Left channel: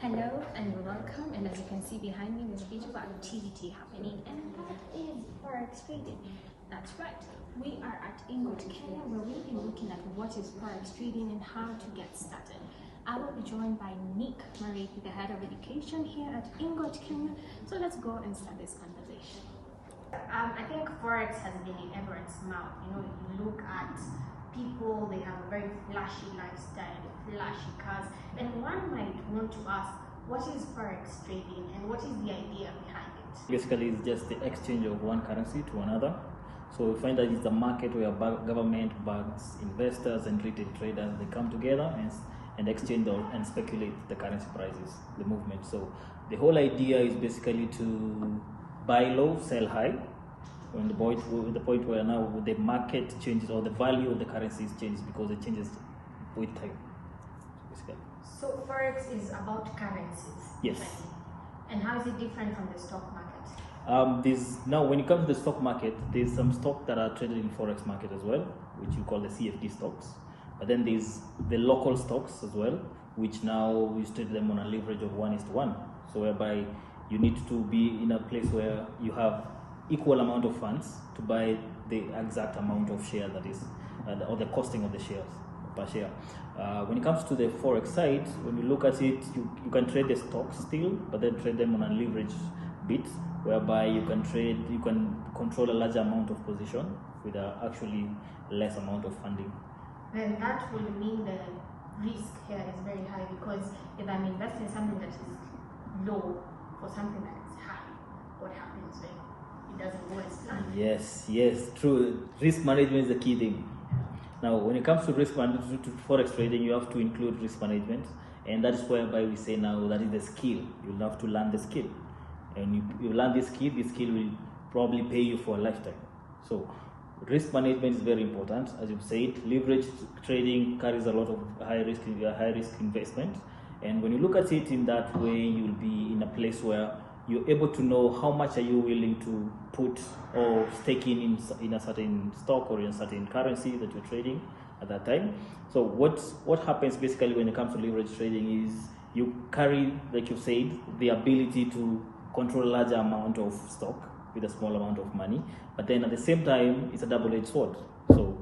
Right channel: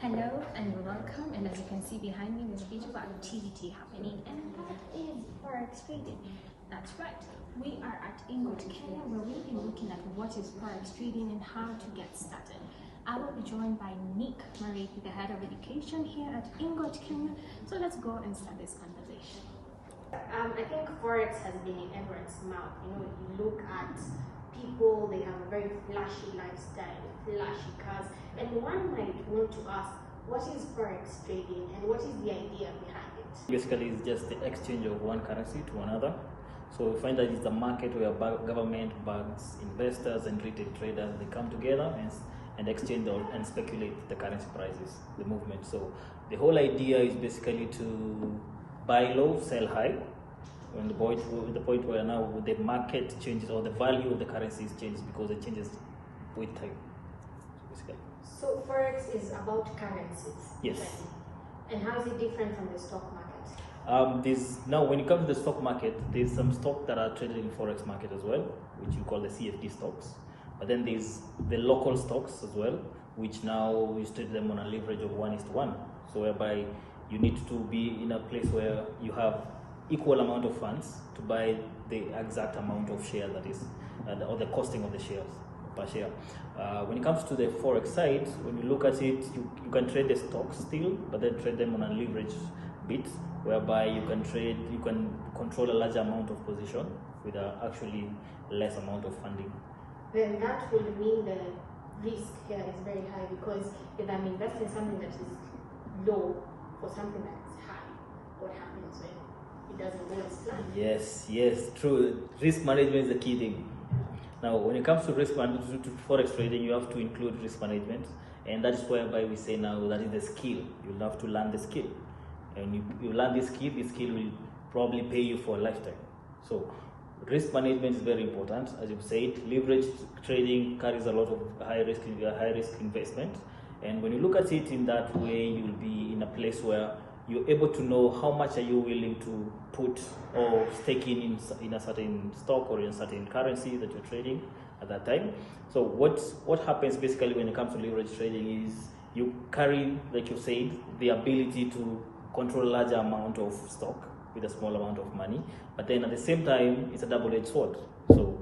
Hello and welcome, and as you can see behind me there's a beautiful activity happening, and that is Forex trading. That's right, we are at Ingot, Kenya, where we'll be looking at what is Forex trading and how to get started. I will be joined by Nick Murray, the head of education here at Ingot, Kenya. So let's go and start this conversation. I think Forex has been in everyone's mouth. You look at people, they have a very flashy lifestyle, flashy cars, and one might want to ask, what is Forex trading and what is the idea behind it? Basically, it's just the exchange of one currency to another. So we find that it's a market where government, banks, investors, and retail traders, they come together and exchange and speculate the currency prices, the movement. So the whole idea is basically to buy low, sell high. On the point where now the market changes, or the value of the currencies changes because it changes with time. Basically. So Forex is about currencies. Yes. And how is it different from the stock market? Now when it comes to the stock market, there's some stocks that are traded in Forex market as well, which we call the CFD stocks. But then there's the local stocks as well, which now we trade them on a leverage of 1:1. So whereby you need to be in a place where you have equal amount of funds to buy the exact amount of share that is, or the costing of the shares per share. When it comes to the Forex side, when you look at it, you can trade the stocks still, but then trade them on a leverage bit, whereby you can control a large amount of position with actually less amount of funding. Then that will mean the risk here is very high, because if I'm investing something that is low for something that is high, what happens when it doesn't go as planned? Yes, true. Risk management is the key thing. Now, when it comes to risk management, to Forex trading, you have to include risk management, and that's whereby we say now that is the skill. You'll have to learn the skill, and you learn this skill will probably pay you for a lifetime. So, risk management is very important. As you've said, leverage trading carries a lot of high risk investment, and when you look at it in that way, you'll be in a place where you're able to know how much are you willing to put or stake in a certain stock or in a certain currency that you're trading at that time. So what happens basically when it comes to leverage trading is you carry, like you said, the ability to control a larger amount of stock with a small amount of money, but then at the same time it's a double-edged sword. So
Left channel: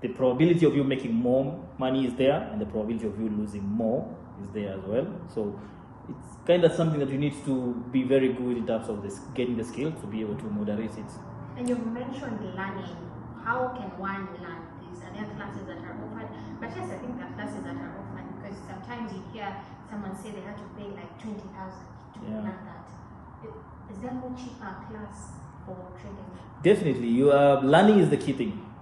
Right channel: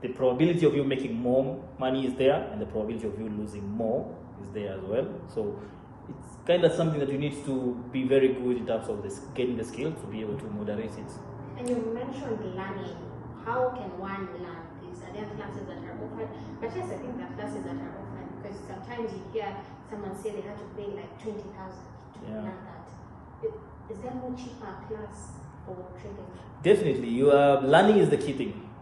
the probability of you making more money is there, and the probability of you losing more is there as well. So it's kind of something that you need to be very good in terms of getting the skill to be able to moderate it. And you mentioned learning. How can one learn this? Are there classes that are offered? But yes, I think there are classes that are offered, because sometimes you hear someone say they have to pay like 20,000 to learn that. Is there no cheaper class for trading? Definitely, learning is the key thing.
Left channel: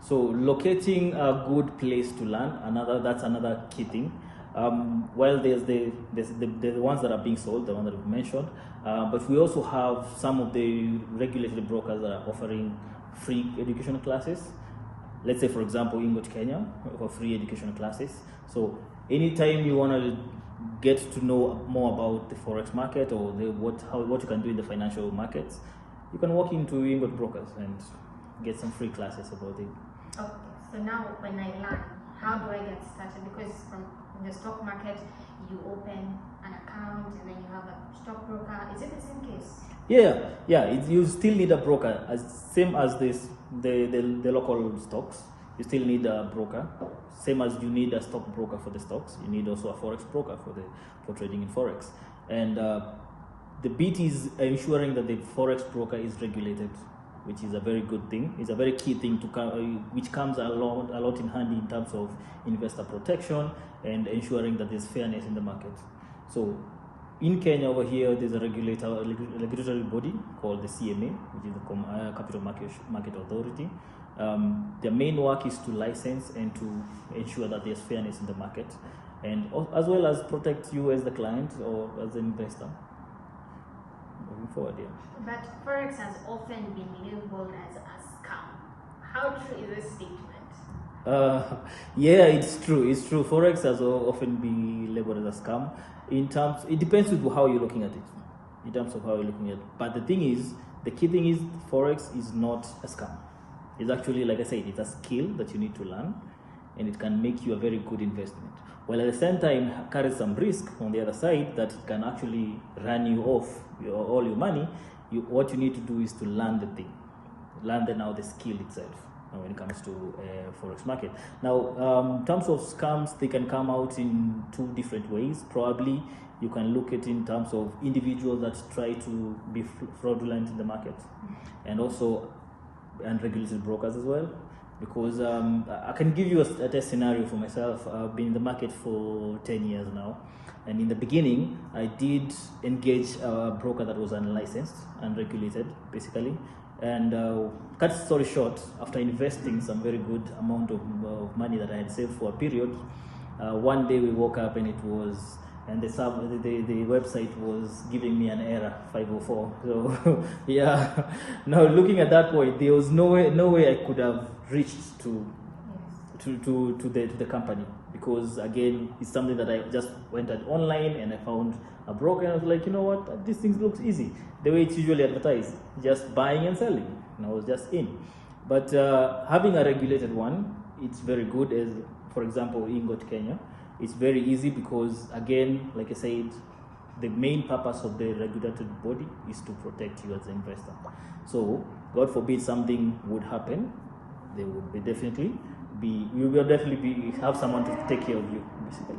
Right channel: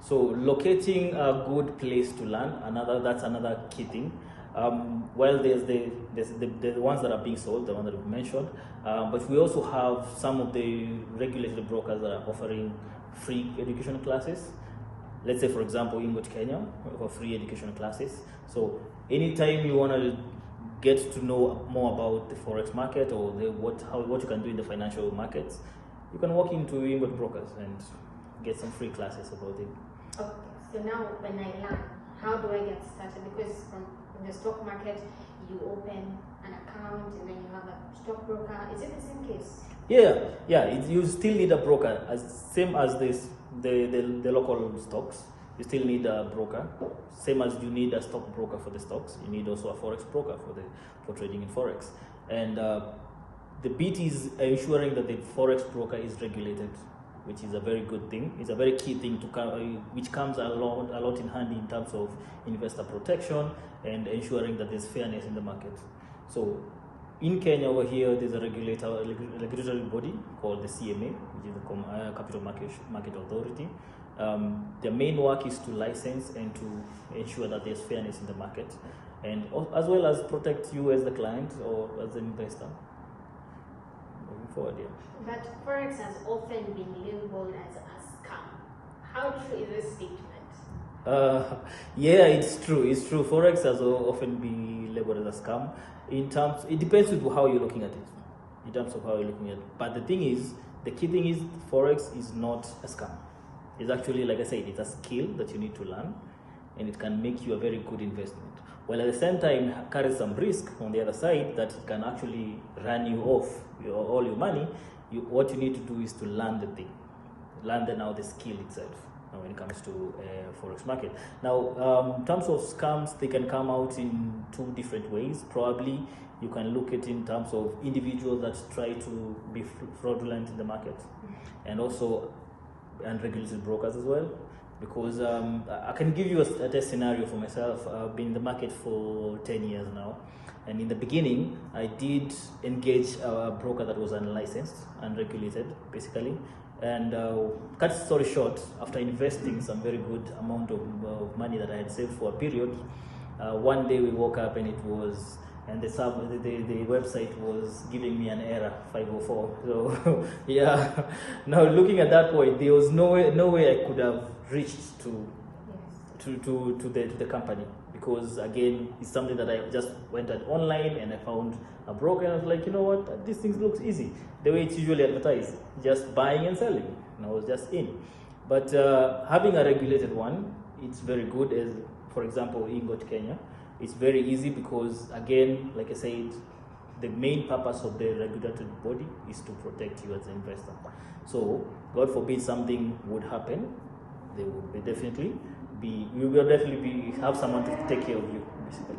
So locating a good place to learn, that's another key thing. While there's the ones that are being sold, the ones that I've mentioned, but we also have some of the regulated brokers that are offering free education classes. Let's say, for example, in Kenya, we have free education classes. So anytime you want to get to know more about the Forex market or what you can do in the financial markets, you can walk into Ingot brokers and get some free classes about it. Okay, so now when I learn, how do I get started? Because in the stock market, you open an account and then you have a stockbroker. Is it the same case? Yeah. You still need a broker, same as the local stocks. You still need a broker, same as you need a stockbroker for the stocks. You need also a Forex broker for trading in Forex. And the bit is ensuring that the Forex broker is regulated, which is a very good thing. It's a very key thing which comes a lot in hand in terms of investor protection and ensuring that there's fairness in the market. So in Kenya over here, there's a regulatory body called the CMA, which is the Capital Market Authority. Their main work is to license and to ensure that there's fairness in the market, and as well as protect you as the client or as an investor. But Forex has often been labeled as a scam. How true is this statement? Yeah, it's true. It's true. Forex has often been labeled as a scam. It depends on how you're looking at it. In terms of how you're looking at it. But the key thing is, Forex is not a scam. It's actually, like I said, it's a skill that you need to learn, and it can make you a very good investment. while at the same time carry some risk on the other side that it can actually run you off all your money. What you need to do is to learn the thing, learn the skill itself when it comes to forex market. Now, in terms of scams, they can come out in two different ways. Probably you can look at it in terms of individuals that try to be fraudulent in the market, and also unregulated brokers as well. Because I can give you a test scenario for myself. I've been in the market for 10 years now, and in the beginning I did engage a broker that was unlicensed, unregulated basically, and cut story short, after investing some very good amount of money that I had saved for a period, one day we woke up and it was, and the website was giving me an error 504. So yeah, no, looking at that point, there was no way I could have reached to the company, because again, it's something that I just went online and I found a broker and I was like, you know what, this thing looks easy, the way it's usually advertised, just buying and selling, and I was just in. But having a regulated one, it's very good. As for example, in Kenya, it's very easy because, again, like I said, the main purpose of the regulated body is to protect you as an investor. So, God forbid something would happen, we will definitely have someone to take care of you, basically.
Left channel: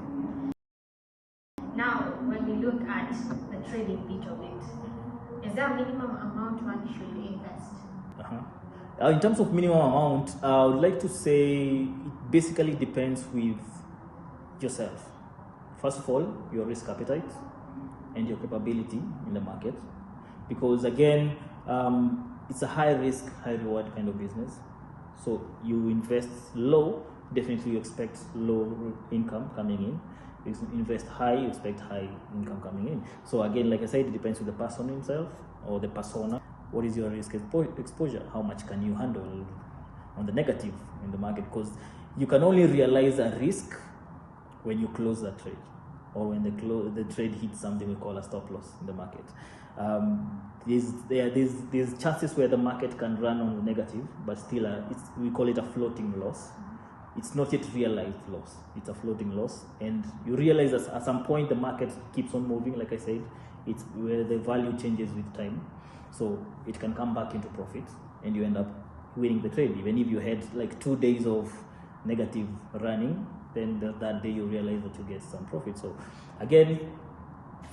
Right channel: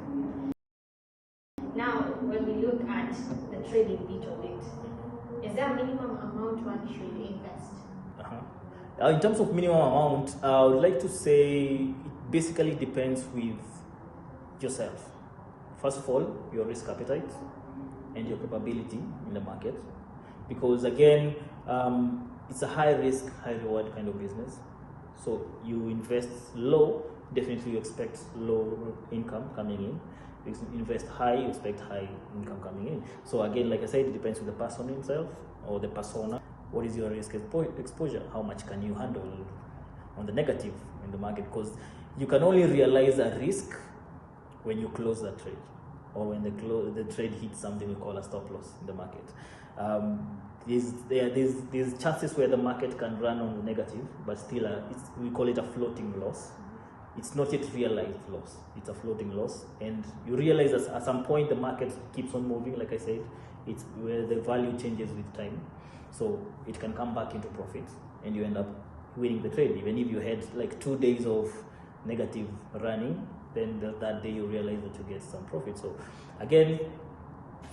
Now, when we look at the trading bit of it, is there a minimum amount one should invest? In terms of minimum amount, I would like to say it basically depends with yourself. First of all, your risk appetite and your capability in the market, because again, it's a high risk, high reward kind of business. So you invest low, definitely you expect low income coming in. You invest high, you expect high income coming in. So again, like I said, it depends on the person himself or the persona. What is your risk exposure? How much can you handle on the negative in the market? Because you can only realize a risk when you close the trade, or when the trade hits something we call a stop loss in the market. There's chances where the market can run on the negative, but still we call it a floating loss. It's not yet realized loss, it's a floating loss, and you realize that at some point the market keeps on moving. Like I said, it's where the value changes with time, so it can come back into profit and you end up winning the trade. Even if you had like 2 days of negative running, then that day you realize that you get some profit. So again,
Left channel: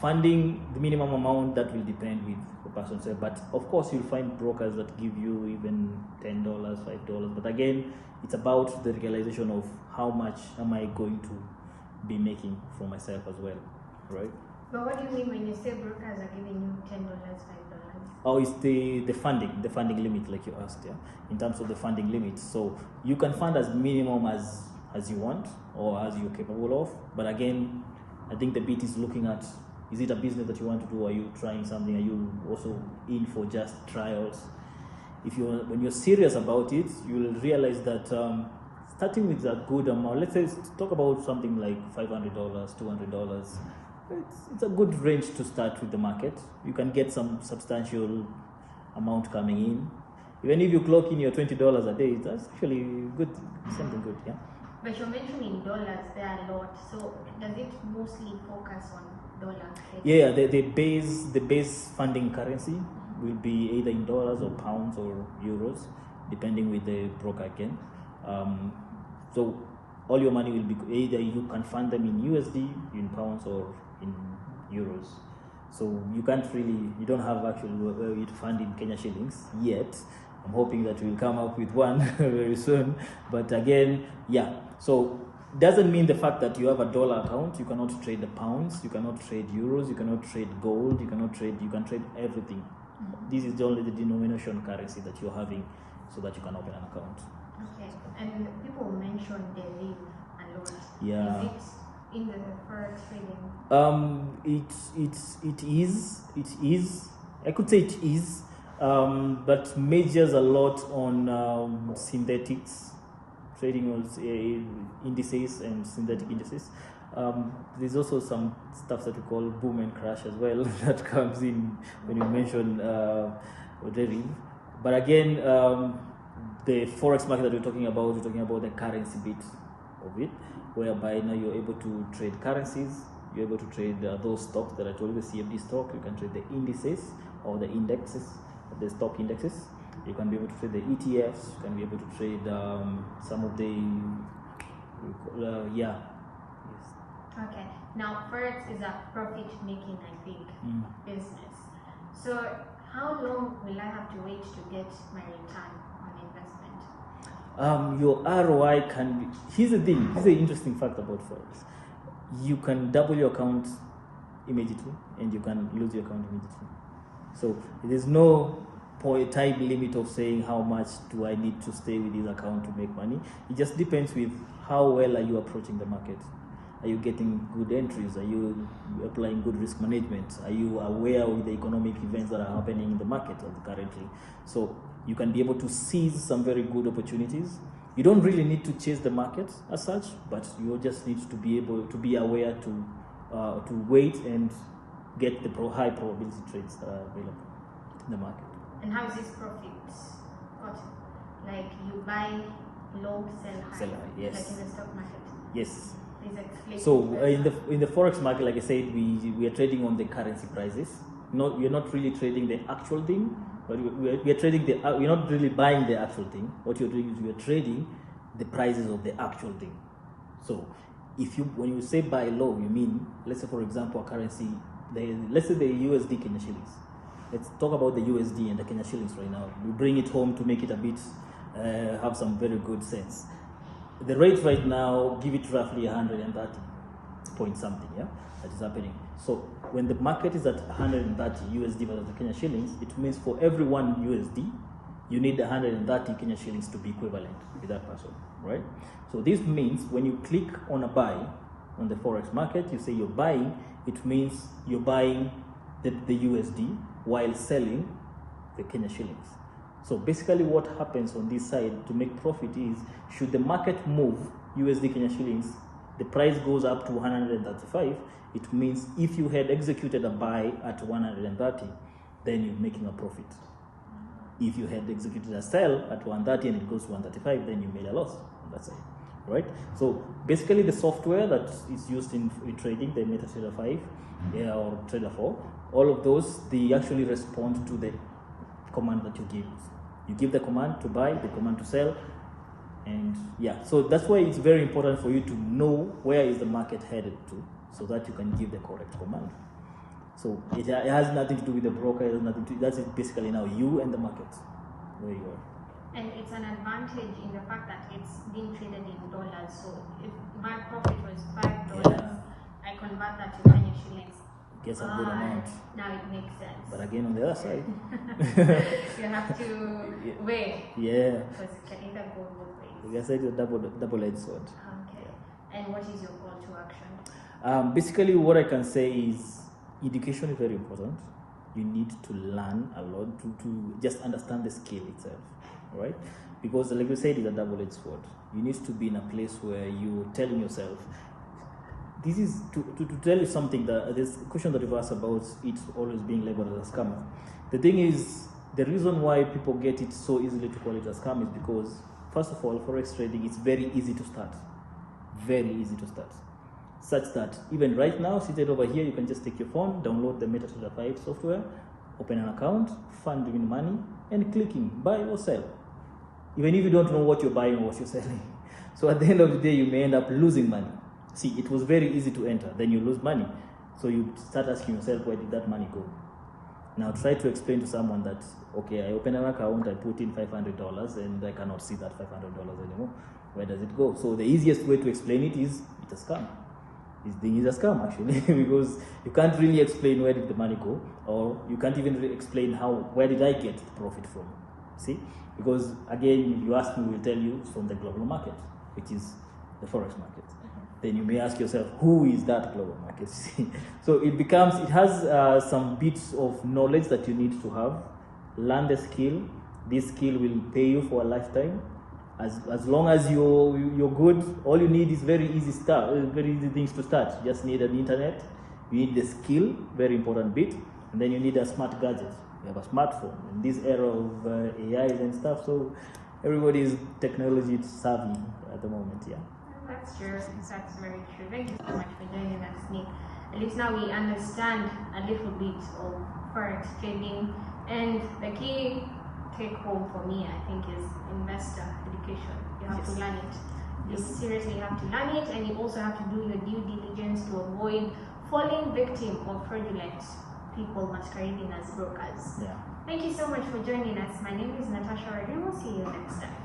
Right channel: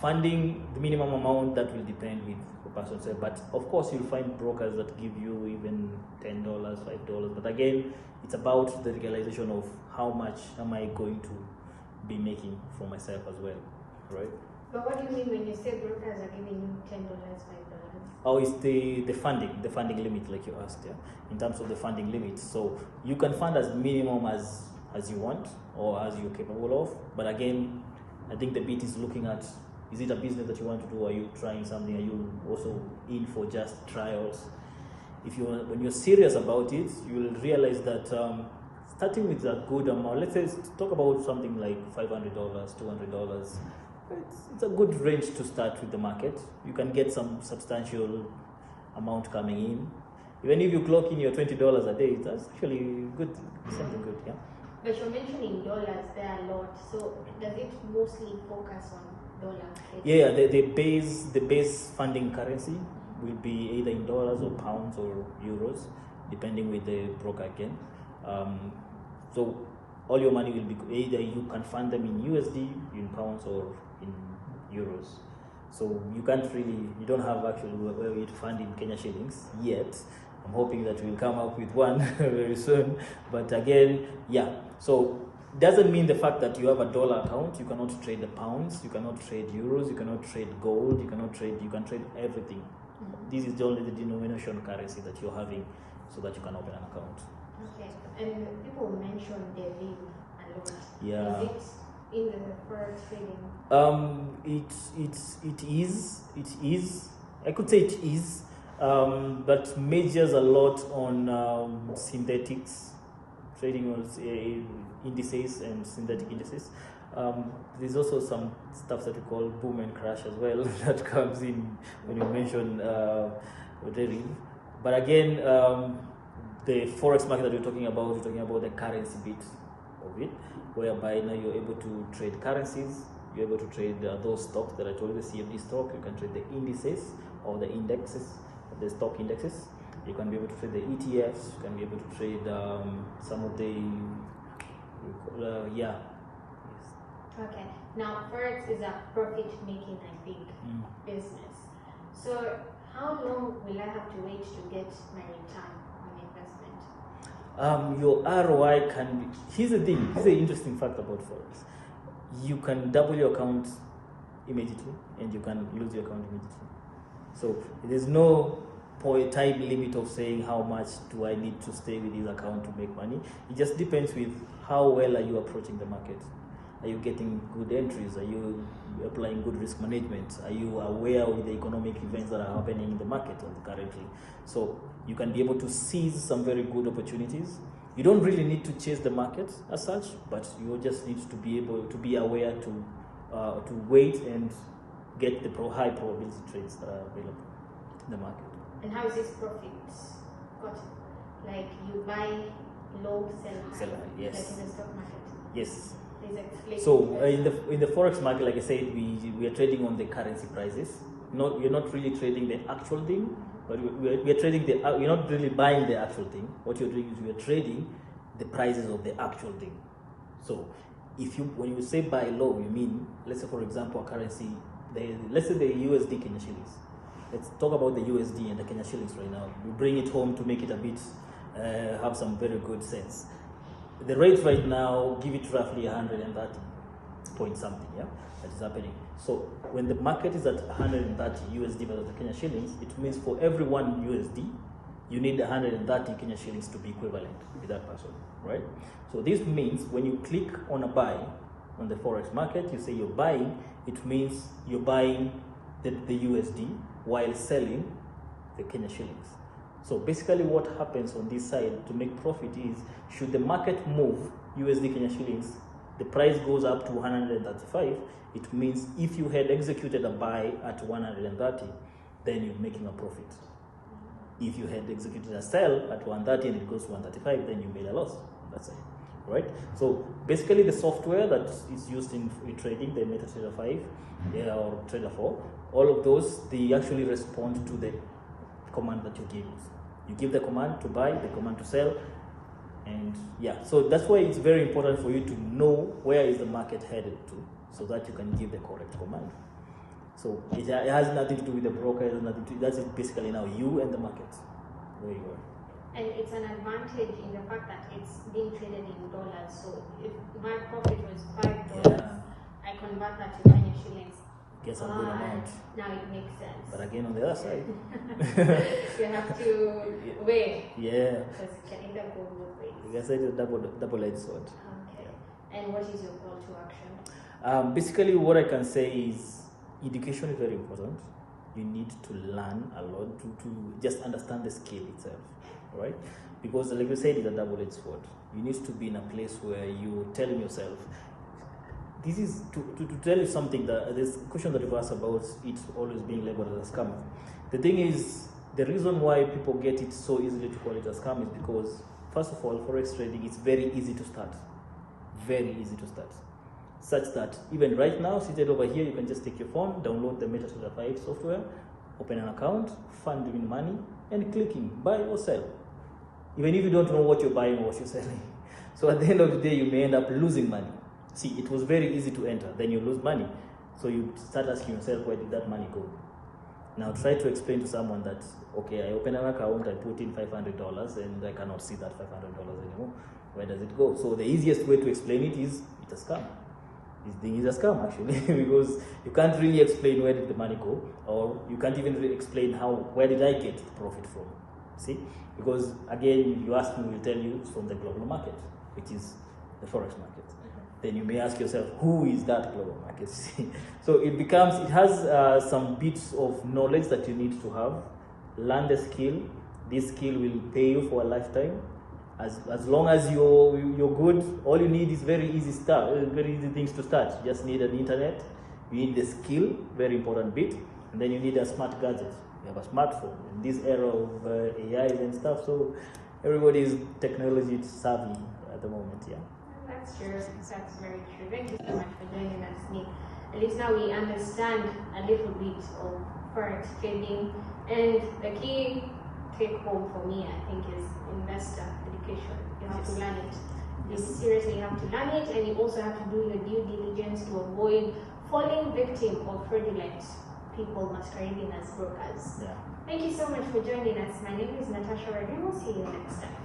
funding, the minimum amount, that will depend with the person. But of course, you'll find brokers that give you even $10, $5. But again, it's about the realization of how much am I going to be making for myself as well, right? But what do you mean when you say brokers are giving you $10, $5? Oh, it's the funding limit, like you asked, yeah? In terms of the funding limit. So you can fund as minimum as you want or as you're capable of. But again, I think the bit is looking at, is it a business that you want to do? Are you trying something? Are you also in for just trials? When you're serious about it, you will realize that starting with a good amount, let's say talk about something like $500, $200. It's a good range to start with the market. You can get some substantial amount coming in. Even if you clock in your $20 a day, that's actually good, something good. Yeah? But you're mentioning dollars there a lot, so does it mostly focus on dollars? Yeah, the base funding currency will be either in dollars or pounds or euros, depending with the broker again. So all your money will be either you can fund them in USD, in pounds, or in euros. So you don't have actually a way to fund in Kenya shillings yet. I'm hoping that we'll come up with one very soon. But again, yeah. So doesn't mean the fact that you have a dollar account, you cannot trade the pounds, you cannot trade euros, you cannot trade gold, you can trade everything. This is only the denomination currency that you're having, so that you can open an account. Okay. And people mention they live a lot. Yeah. Is it in the forex trading? It is. I could say it is, but majors a lot on synthetics, trading with indices and synthetic indices. There's also some stuff that we call boom and crash as well that comes in when you mention trading. But again, the forex market that we're talking about the currency bit. of it, whereby now you're able to trade currencies, you're able to trade those stocks that I told you, CFD stock. You can trade the indices or the indexes, the stock indexes. You can be able to trade the ETFs. You can be able to trade some of the Okay. Now, Forex is a profit-making, I think, business. So, how long will I have to wait to get my return on investment? Your ROI can be, here's the thing, here's the interesting fact about Forex. You can double your account immediately and you can lose your account immediately. So there's no time limit of saying how much do I need to stay with this account to make money. It just depends with how well are you approaching the market. Are you getting good entries? Are you applying good risk management? Are you aware of the economic events that are happening in the market currently? So you can be able to seize some very good opportunities. You don't really need to chase the market as such, but you just need to be able to be aware to wait and get the high probability trades that are available in the market. And how is this profit gotten? Like you buy low, sell high, yes. like in the stock market? Yes. Is So in the forex market, like I said, we are trading on the currency prices. We're not really trading the actual thing, but we are trading we're not really buying the actual thing. What you're doing is we're trading the prices of the actual thing. So when you say buy low, you mean, let's say for example, currency, let's say the USD Kenya shillings. Let's talk about the USD and the Kenya shillings right now. We bring it home to make it a bit have some very good sense. The rate right now, give it roughly 130 point something, yeah, that is happening. So when the market is at 130 USD versus Kenya shillings, it means for every one USD, you need 130 Kenya shillings to be equivalent with that person, right? So this means when you click on a buy on the forex market, you say you're buying, it means you're buying the USD while selling the Kenya shillings. So basically what happens on this side to make profit is, should the market move USD Kenya shillings, the price goes up to 135, it means if you had executed a buy at 130, then you're making a profit. If you had executed a sell at 130 and it goes to 135, then you made a loss. That's it, right? So basically the software that is used in trading, the MetaTrader 5 or Trader 4, all of those, they actually respond to the command that you give. You give the command to buy, the command to sell, and yeah, so that's why it's very important for you to know where is the market headed to, so that you can give the correct command. So it has nothing to do with the broker, it has nothing to, that's it basically now you and the market, where you are. And it's an advantage in the fact that it's being traded in dollars. So if my profit was $5, I convert that to Kenya shillings. Guess a good amount. Now it makes sense. But again, the other side. You have to wait. Yeah. Because it can go both ways. You can say it's a double-edged sword. Okay. And what is your call to action? Basically, what I can say is education is very important. You need to learn a lot to just understand the skill itself, right? Because like you said, it's a double-edged sword. You need to be in a place where you're telling yourself, this is to tell you something, that there's a question that you've asked about it always being labeled as a scam. The thing is, the reason why people get it so easily to call it a scam is because, first of all, forex trading is very easy to start. Very easy to start. Such that even right now, seated over here, you can just take your phone, download the MetaTrader 5 software, open an account, fund in money, and clicking buy or sell. Even if you don't know what you're buying or what you're selling. So at the end of the day, you may end up losing money. See, it was very easy to enter, then you lose money. So you start asking yourself, where did that money go? Now try to explain to someone that, okay, I open an account, I put in $500 and I cannot see that $500 anymore. Where does it go? So the easiest way to explain it is, it's a scam. This thing is a scam actually, because you can't really explain where did the money go, or you can't even really explain where did I get profit from. See? Because again, you ask me, we'll tell you it's from the global market, which is the forex market. Then you may ask yourself, who is that global market? So it has some bits of knowledge that you need to have. Learn the skill. This skill will pay you for a lifetime. As long as you're good, all you need is very easy things to start. You just need an internet. You need the skill, very important bit, and then you need a smart gadget. You have a smartphone. In this era of AI and stuff, so everybody is technology savvy at the moment. Yeah. That's true. That's very true. Thank you so much for joining us, Nick. At least now we understand a little bit of forex trading, and the key take home for me, I think, is investor education. You have to learn it. Seriously, you have to learn it, and you also have to do your due diligence to avoid falling victim of fraudulent people masquerading as brokers. Thank you so much for joining us. My name is Natasha. We will see you next time.